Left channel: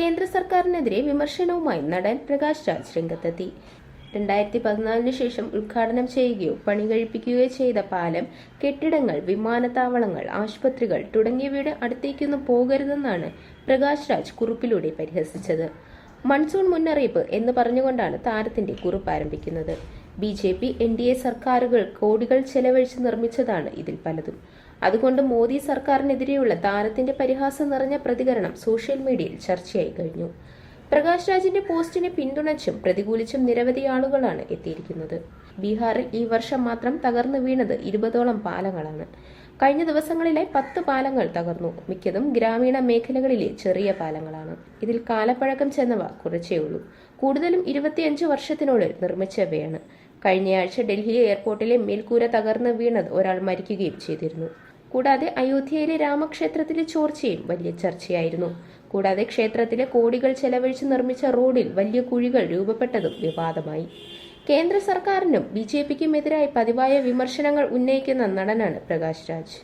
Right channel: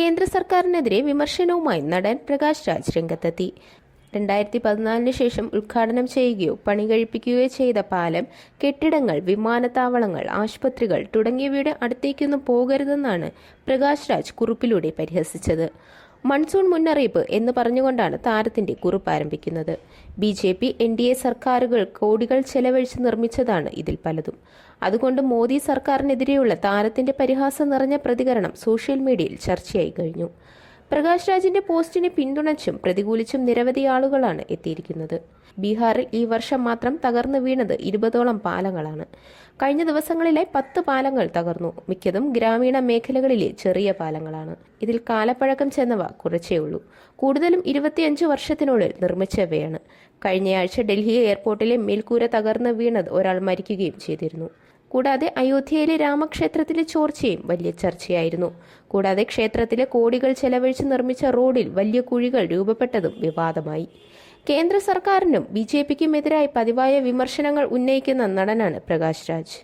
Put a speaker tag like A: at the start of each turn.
A: കേന്ദ്ര സർക്കാരിനെതിരെ വിമർശനവുമായി നടൻ പ്രകാശ് രാജ് രംഗത്തെത്തി. രണ്ടായിരത്തി പതിനാലിന് ശേഷം ഉദ്ഘാടനം ചെയ്യുകയോ പണി കഴിപ്പിക്കുകയോ ചെയ്ത പാലം കെട്ടിടങ്ങൾ വിമാനത്താവളങ്ങൾ ആശുപത്രികൾ തുടങ്ങിയവയുടെ അടുത്തേക്കൊന്നും പോകരുതെന്നാണ് പ്രകാശ് രാജ് കുറിപ്പിലൂടെ പരിഹസിച്ചത്. മൺസൂൺ മുന്നറിയിപ്പ് എന്ന് പറഞ്ഞുകൊണ്ടാണ് താരത്തിന്റെ കുറിപ്പ് ആരംഭിക്കുന്നത്. B J P N D A സർക്കാരുകൾ കോടികൾ ചെലവഴിച്ച് നിർമ്മിച്ചതാണ് ഇതിൽ പലതും. അതുകൊണ്ട് മോദി സർക്കാരിനെതിരെയുള്ള താരത്തിന്റെ പരിഹാസം നിറഞ്ഞ പ്രതികരണം സോഷ്യൽ മീഡിയയിൽ ചർച്ചയായി കഴിഞ്ഞു. പ്രകാശ് രാജിന്റെ പോസ്റ്റിനെ പിന്തുണച്ചും പ്രതികൂലിച്ചും നിരവധി ആളുകളാണ് എത്തിയിരിക്കുന്നത്. ബീഹാറിൽ ഈ വർഷം മാത്രം തകർന്നു വീണത് ഇരുപതോളം പാലങ്ങളാണ്. കഴിഞ്ഞ ദിവസങ്ങളിലെ പത്ത് പാലങ്ങൾ തകർന്നു. മിക്കതും ഗ്രാമീണ മേഖലകളിലെ ചെറിയ പാലങ്ങളാണ്. ഇതിൽ കാലപ്പഴക്കം ചെന്നവ കുറച്ചേ ഉള്ളൂ. കൂടുതലും ഇരുപത്തിയഞ്ച് വർഷത്തിനുള്ളിൽ നിർമ്മിച്ചവയാണ്. കഴിഞ്ഞയാഴ്ച ഡൽഹി എയർപോർട്ടിലെ മേൽക്കൂര തകർന്നു വീണത് ഒരാൾ മരിക്കുകയും ചെയ്തിരുന്നു. കൂടാതെ അയോധ്യയിലെ രാമക്ഷേത്രത്തിലെ ചോർച്ചയും വലിയ ചർച്ചയായിരുന്നു. കൂടാതെ ക്ഷേത്രത്തിലെ കോടികൾ ചെലവഴിച്ച് നിർമ്മിച്ച റോഡിൽ വലിയ കുഴികൾ രൂപപ്പെട്ടതും വിവാദമായി. കേന്ദ്ര സർക്കാരിനും ബി ജെ പിക്കും എതിരായി പതിവായ വിമർശനങ്ങൾ ഉന്നയിക്കുന്ന നടനാണ് പ്രകാശ് രാജ്.